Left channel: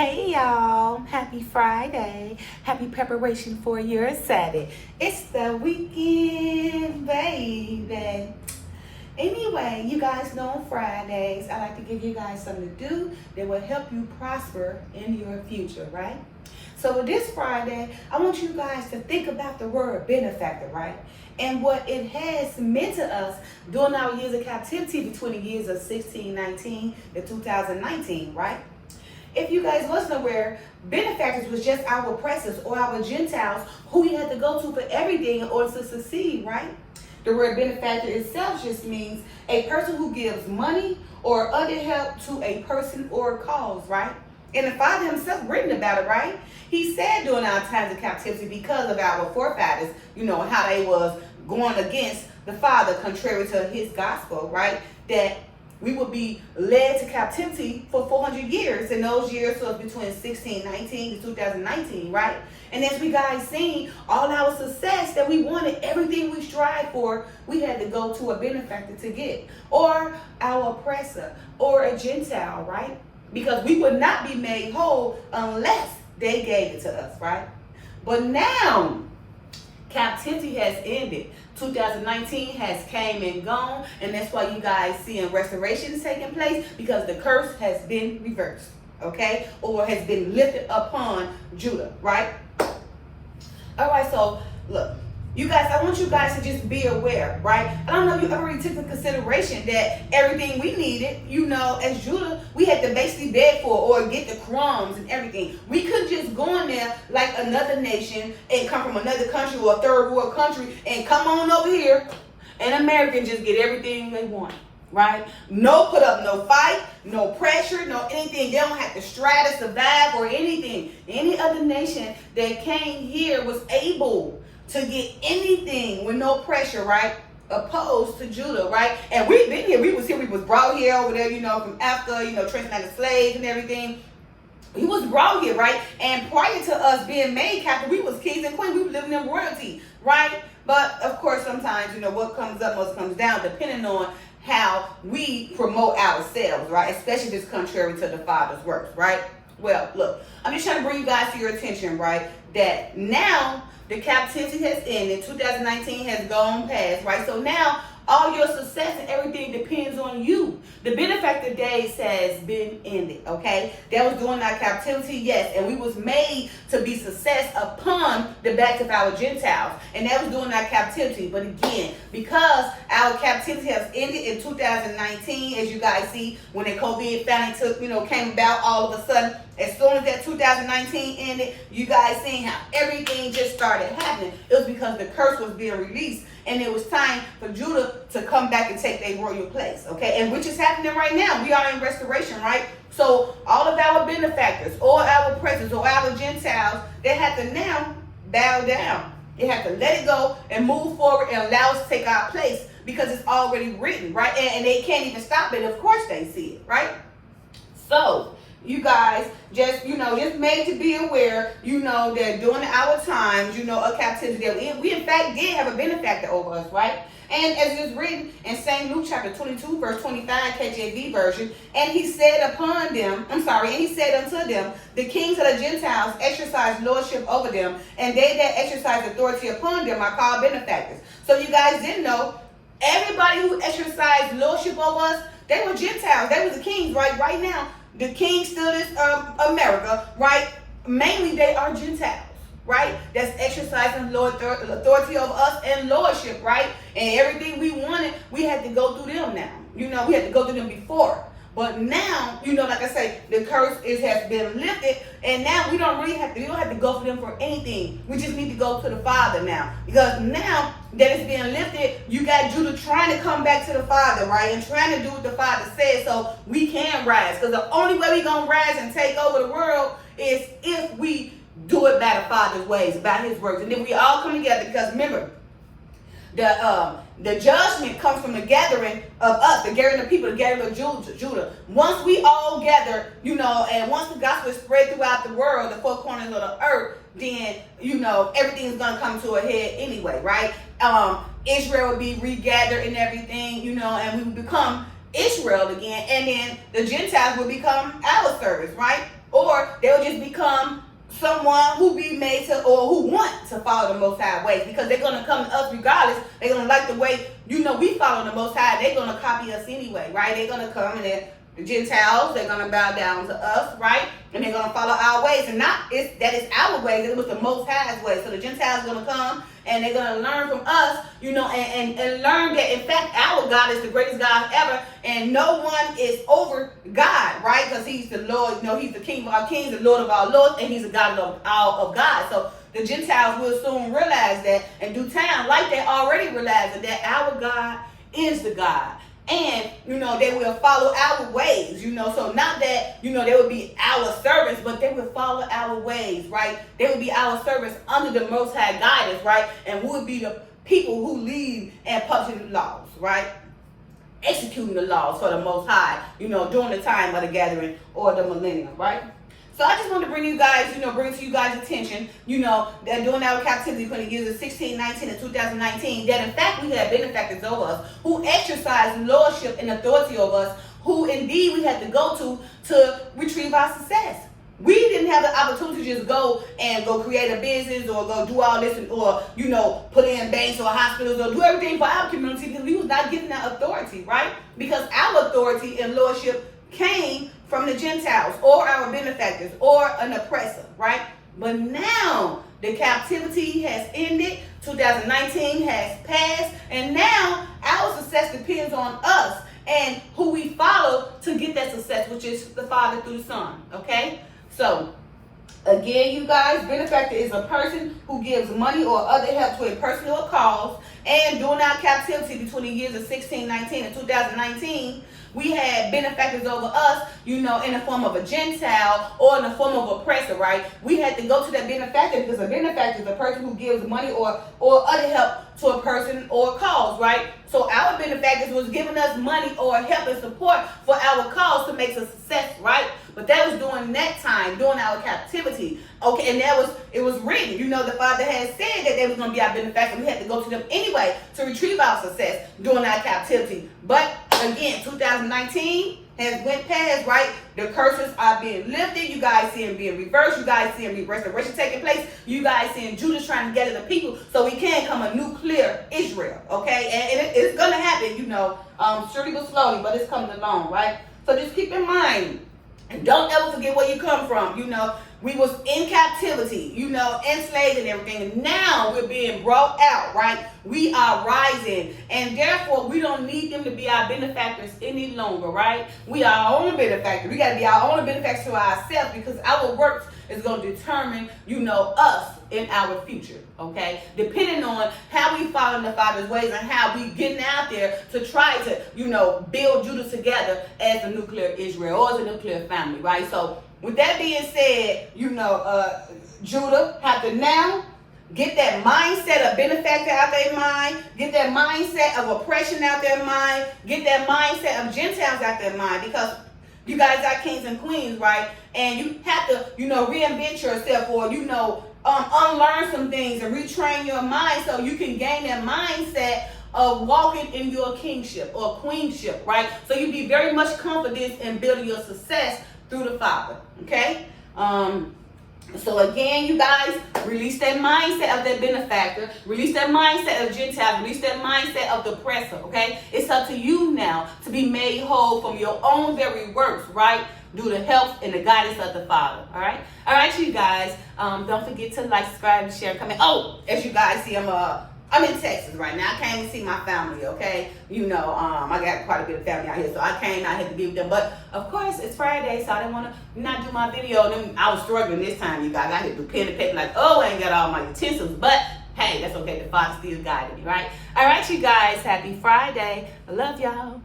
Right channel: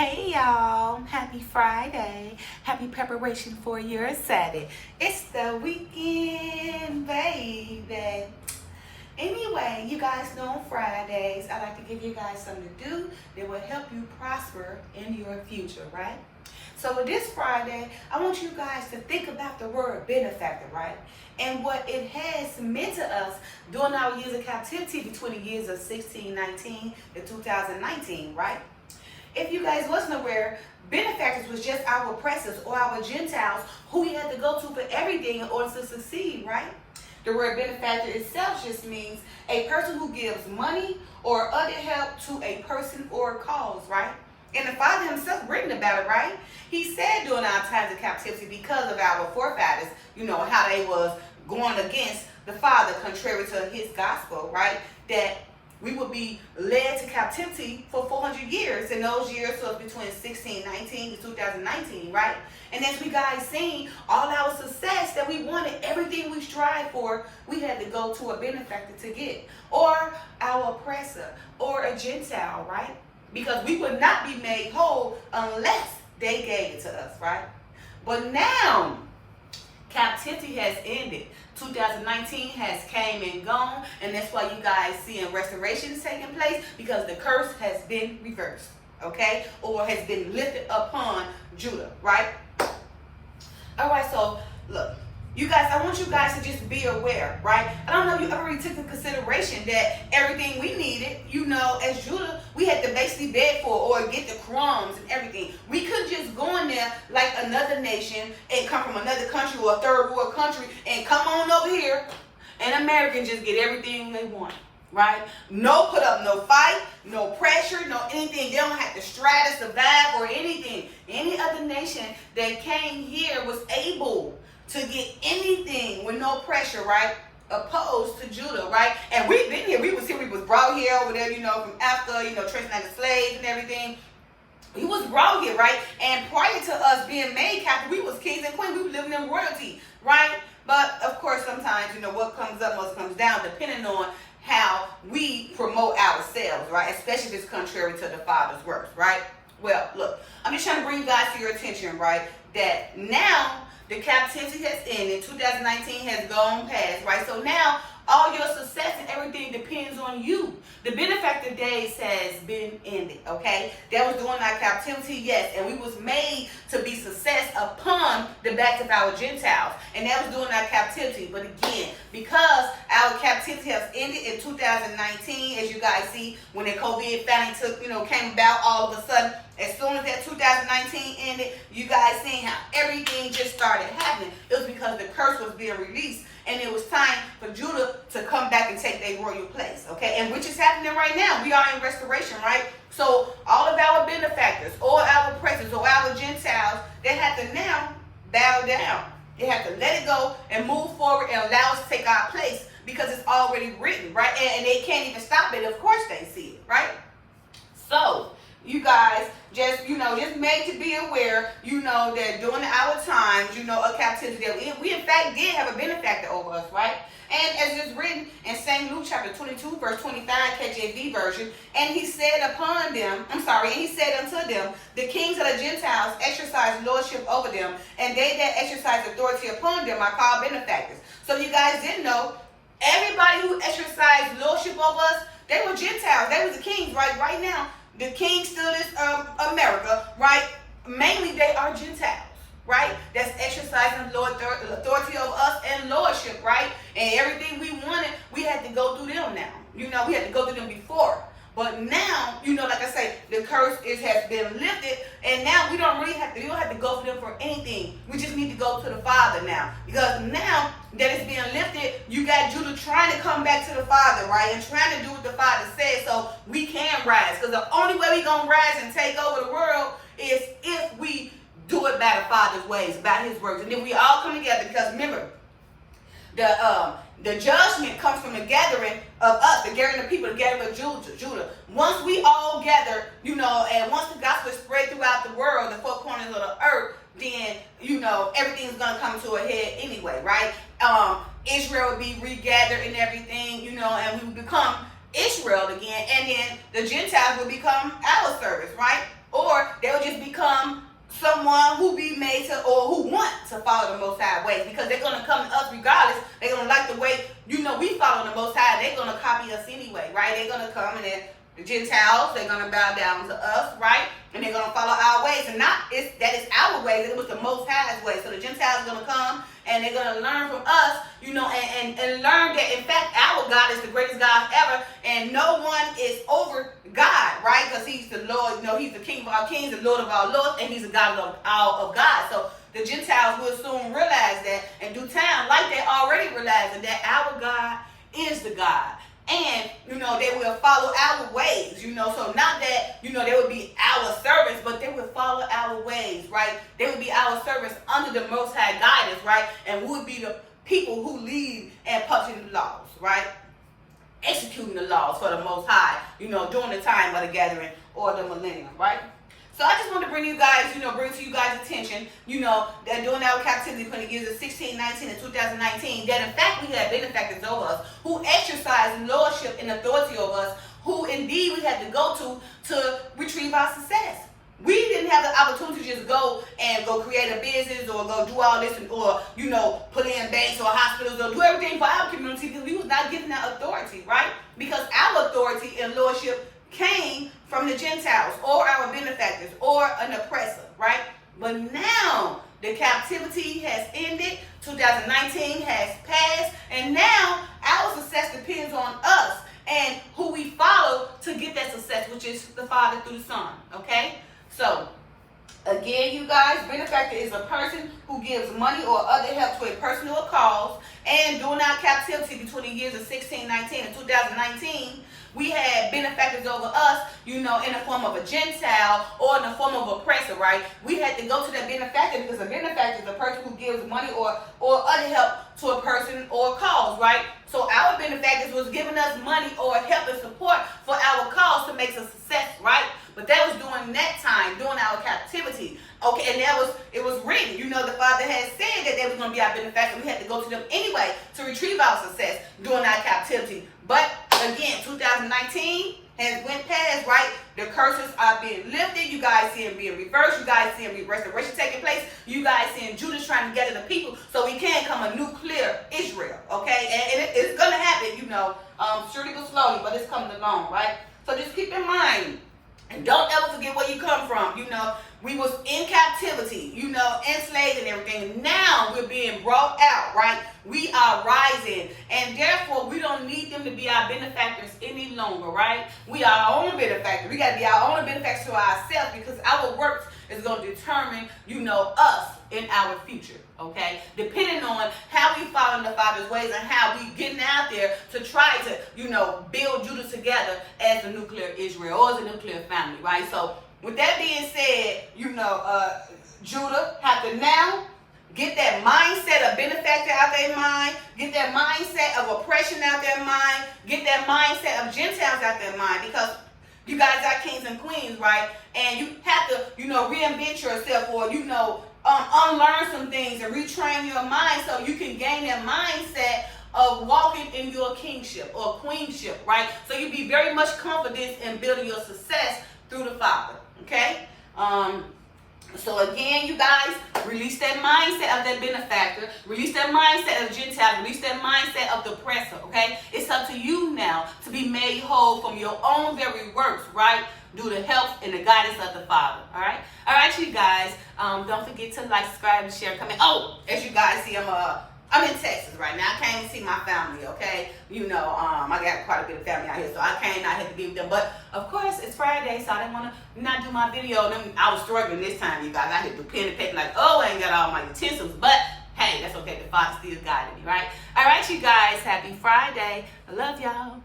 Hey y'all, happy Friday. Happy preparation for your Saturday. It's the weekend, baby. Anyway, you guys know on Fridays, I like to give you guys something to do that will help you prosper in your future, right? So with this Friday, I want you guys to think about the word benefactor, right? And what it has meant to us during our years of captivity between the years of 1619 to 2019, right? If you guys wasn't aware, benefactors was just our oppressors or our Gentiles who we had to go to for everything in order to succeed, right? The word benefactor itself just means a person who gives money or other help to a person or a cause, right? And the Father himself written about it, right? He said during our times of captivity, because of our forefathers, how they was going against the Father contrary to his gospel, right? That we would be led to captivity for 400 years. In those years, so it's between 1619 to 2019, right? And as we guys seen, all our success that we wanted, everything we strived for, we had to go to a benefactor to get. Or our oppressor, or a Gentile, right? Because we would not be made whole unless they gave it to us, right? But now, captivity has ended. 2019 has came and gone, and that's why you guys seeing restoration is taking place, because the curse has been reversed, okay? Or has been lifted upon Judah, right? All right, so look, you guys, I want you guys to just be aware, right? I don't know if you ever really took into consideration that everything we needed, as Judah, we had to basically beg for or get the crumbs and everything. We couldn't just go in there like another nation and come from another country or a third world country and come on over here and America and just get everything they want, right? No put up, no fight, no pressure, no anything. They don't have to strive to survive or anything. Any other nation that came here was able to get anything with no pressure, right? Opposed to Judah, right? And we've been here. We was brought here over there, from Africa, translated slaves and everything. We was brought here, right? And prior to us being made captive, we was kings and queens. We were living in royalty, right? But of course, sometimes, what comes up must comes down, depending on how we promote ourselves, right? Especially if it's contrary to the Father's works, right? Well, look, I'm just trying to bring you guys to your attention, right? That now the captivity has ended. 2019 has gone past, right? So now all your success and everything depends on you. The benefactor days has been ended, okay? That was during our captivity, yes, and we was made to be success upon the backs of our Gentiles, and that was during our captivity. But again, because our captivity has ended in 2019, as you guys see, when the COVID finally came about all of a sudden, as soon as that 2019 ended, you guys seen how everything just started happening. It was because the curse was being released, and it was time for Judah to come back and take their royal place, okay? And which is happening right now. We are in restoration, right? So all of our benefactors, or our oppressors, or our Gentiles, they have to now bow down. They have to let it go and move forward and allow us to take our place, because it's already written, right? And they can't even stop it. Of course they see it, right? So you guys just made to be aware, that during our times, of captivity, that we in fact did have a benefactor over us, right? And as it's written in St. Luke chapter 22, verse 25, KJV version, and he said unto them, the kings of the Gentiles exercise lordship over them, and they that exercise authority upon them are called benefactors. So you guys didn't know, everybody who exercised lordship over us, they were Gentiles. They were the kings, right? Right now, the king still is America, right? Mainly they are Gentiles, right? That's exercising authority over us and lordship, right? And everything we wanted, we had to go through them now. We had to go through them before. But now, like I say, the curse has been lifted, and now we don't have to go for them for anything. We just need to go to the Father now. Because now that it's being lifted, you got Judah trying to come back to the Father, right? And trying to do what the Father says so we can rise. Because the only way we're going to rise and take over the world is if we do it by the Father's ways, by his words. And then we all come together, because remember, the judgment comes from the gathering of us, the gathering of people, the gathering of Judah. Once we all gather, and once the gospel is spread throughout the world, the four corners of the earth, then, everything's going to come to a head anyway, right? Israel will be regathered and everything, and we will become Israel again, and then the Gentiles will become our servants, right? Or they'll just become someone who be made to, or who want to follow the Most High ways, because they're going to come to us regardless. They're going to like the way, we follow the Most High. They're going to copy us anyway, right? They're going to come and the Gentiles, they're going to bow down to us, right? And they're going to follow our ways. And that is our ways. It was the Most High's way. So the Gentiles are going to come and they're going to learn from us, and learn that, in fact, our God is the greatest God ever. And no one is over God, right? Because he's the Lord, he's the King of our kings, the Lord of our lords, and he's the God of all of God. So the Gentiles will soon realize that in due time, like they already realizing that our God is the God. And, they will follow our ways, so not that, they will be our servants, but they will follow our ways, right? They will be our servants under the Most High guidance, right? And we will be the people who lead and publish the laws, right? Executing the laws for the Most High, during the time of the gathering or the millennium, right? So I just wanted to bring you guys, bring to you guys' attention, that during our captivity between the years of 1619 and 2019, that in fact we had benefactors over us who exercised lordship and authority over us, who indeed we had to go to retrieve our success. We didn't have the opportunity to just go create a business or go do all this or put in banks or hospitals or do everything for our community, because we was not given that authority, right? Because our authority and lordship came from the Gentiles or our benefactors or an oppressor, right? But now the captivity has ended, 2019 has passed, and now our success depends on us and who we follow to get that success, which is the Father through the Son, okay? So, again, you guys, benefactor is a person who gives money or other help to a person or a cause. And during our captivity between the years of 1619 and 2019, we had benefactors over us, in the form of a Gentile or in the form of oppressor, right? We had to go to that benefactor because a benefactor is a person who gives money or other help to a person or a cause, right? So our benefactors was giving us money or help and support for our cause to make a success, right? But that was during that time, during our captivity. Okay, and it was written. The Father had said that they was going to be our benefactor. We had to go to them anyway to retrieve our success during our captivity. But again, 2019 has went past, right? The curses are being lifted. You guys see them being reversed. You guys see them restoration taking place. You guys seeing Judah trying to gather the people so we can come a nuclear Israel, okay? And it's going to happen, surely but slowly, but it's coming along, right? So just keep in mind, and don't ever forget where you come from. We was in captivity, enslaved and everything. And now we're being brought out, right? We are rising. And therefore, we don't need them to be our benefactors any longer, right? We are our own benefactor. We got to be our own benefactors to ourselves, because our works is going to determine, us in our future, okay? Depending on how we follow the Father's ways and how we getting out there to try to, build Judah together as a nuclear Israel or as a nuclear family, right? So with that being said, Judah have to now get that mindset of benefactor out their mind, get that mindset of oppression out their mind, get that mindset of Gentiles out their mind, because you guys are kings and queens, right? And you have to, reinvent yourself or, unlearn some things and retrain your mind so you can gain that mindset of walking in your kingship or queenship, right? So you be very much confident in building your success through the Father, okay? So again, you guys, release that mindset of that benefactor, release that mindset of Gentile, release that mindset of the oppressor, okay? It's up to you now to be made whole from your own very works, right? Due to help and the guidance of the Father, all right? All right, you guys, don't forget to like, subscribe, and share, and comment. Oh, as you guys see, I'm in Texas right now. I came to see my family, okay? I got quite a bit of family out here, so I came out here to be with them. But, of course, it's Friday, so I didn't want to not do my video. And then I was struggling this time, you guys. I had to do pen and paper like, I ain't got all my utensils. But, hey, that's okay. The Father still guided me, right? All right, you guys. Happy Friday. I love y'all.